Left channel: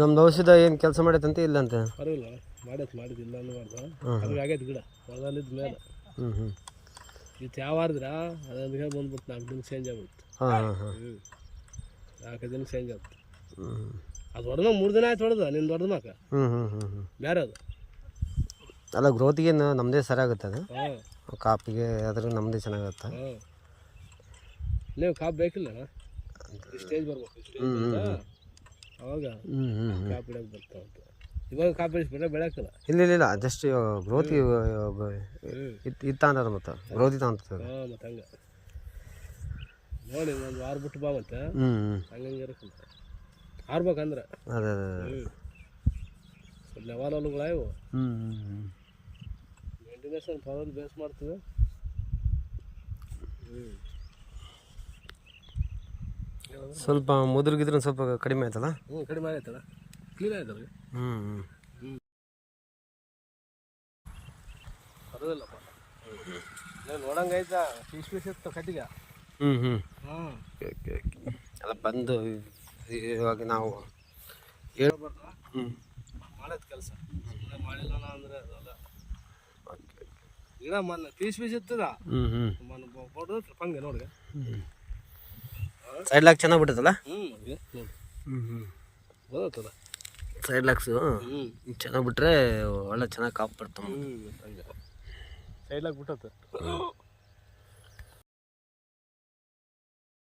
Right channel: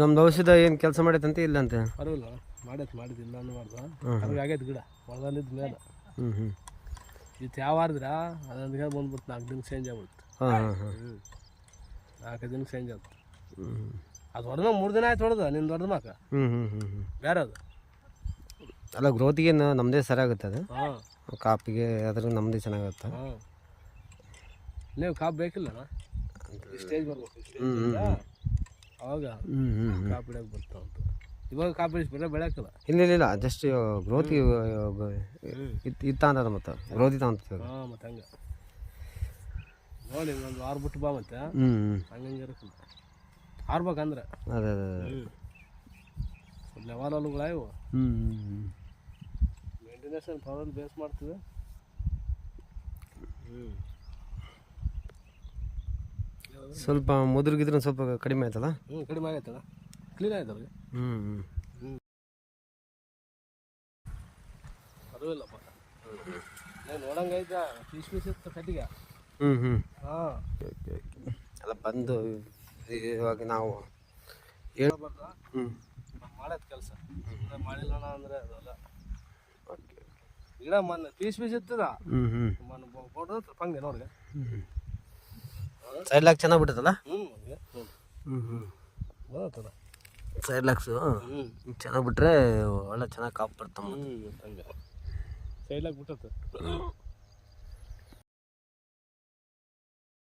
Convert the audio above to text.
ನಮ್ದು ಔಷಧ ಏನು ಕೆಲಸ ಮಾಡೈತಂತೆ ಇಲ್ಲ ಅಂತ ಪರವಾಗಿಲ್ಲ ಮಾಡಿದ್ದಿಲ್ಲ ಅನ್ನಬಾರ್ದು ಆಗೈತೆ ಗಿಡ ಹೊಲದಲ್ಲಿದ್ದ ಮೇಲೆ ಇದು ಯಾವ ಆದ್ರೆ ಅದೊಂದಿಗೆ ಬಂದ್ಬಿಟ್ಟು 4 ದಿನ ಚೇಂಜ್ ಆಗ್ಬಿಡ್ತು 4 ದಿನ ಚೇಂಜ್ ಆಗ್ಬಿಡ್ತು ಅದು ಹೊಡೆದ 3 ದಿನ ಆಯ್ತು ಹೊಡೆದ ನಿನ್ನ ದೊಡ್ಡ ಮಕ್ಕ ಬೇರೆ ಅದು ಅಲ್ಲ ಗ್ರೋತಿಗೆ ನಮ್ಮದೇ ಸರಿಯಾಗುತ್ತೆ ಅದು ಕಾಪಿಗೆ ಅದ್ರ ನಮ್ಮದೇ ಚೆನ್ನಾಗುತ್ತೆ ನೀವು ಕಾಪು ಬೇಕಿಲ್ಲಣ್ಣ ಸ್ಟೇಜ್ ಬರ್ಬೇಕು ಅವಾಗ ಕಾಪು ಹಿಡಿಯೋಕೆ ಬರ್ತಾವ ಇವಾಗ ಕಾಪು ಹಿಡಿಸ್ಬಿಟ್ರೆ ಬೆಳೆಯೋಕ್ಕಲ್ಲ ಇಲ್ಲ ಜಸ್ಟ್ ಗ್ರೋತಿ ಇತ್ತ ಅಂತದ ಮತ್ತು ಗ್ರೋತಿ ತಗೊಂತ ಮತ್ತು ಹಂಗೆ ನೋಡಿ ಒಂದು 6 ಬಿಟ್ಟು ಬಾ ಮತ್ತೆ ಹಂಗೆ ಇರಕ್ಕಲ್ಲ ಆರ್ಬೇಕಂದ್ರೆ ಅದೇ ಲೆವಾಲುಗಳು ಇವು ಮೇಂಟೆನೆನ್ಸ್ ಪವರ್ ಬೇಸ್ ಮಾಡ್ತದೆ ಸ್ವಲ್ಪ ಮುದುರ್ಗಿದ್ರೆ ಸ್ವಲ್ಪ ಕಡಿಮೆ ಆಯ್ತಲ್ಲ ಕಡಿಮೆ ಆಗೈತಲ್ಲ ಕ್ಲೀನ್ ಆಯ್ತಲ್ಲ ಪರವಾಗಿಲ್ಲಪ್ಪ ನೋಡಂಗೆ ಆಯ್ತಾ ಪೀಸ್ ಇತ್ತು ಕಟ್ಟಿಗೆ ಹಾಂ ಎಲ್ಲ ಬಂದು ಇವಾಗ ನಾವು ಹೇಳ್ಬಾರ್ದು ಮಾಡೋದು ಕೆಲಸ ಮಾಡಿಲ್ಲ ಅಂದರೆ ಅದ ಗಿಡ ಮೊನ್ನೆ ಪೀಸ್ ಇರ್ತದ ಮೊನ್ನೆ ಫೋಟೋ ಹಂಗೆ ನೋಡ್ಗೆ ಸೈಡ್ ಲಾಕ್ ಚೆನ್ನಾಗಿ ಬಿಟ್ಟದಲ್ಲ ಗೊತ್ತಲ್ಲ ಸೈಡ್ ಲಾಕ್ಸು ಚೆನ್ನಾಗಿ ಬಿಟ್ರೆ ಒಳ್ಳೆ ಚೆನ್ನಾಗಿ ಕಾಪು ಬರ್ತಮ್ಮ ಹಂಗೆ ಸೈಡ್ ಲಾಕ್ ಬಿಟ್ಟತ್ತೆ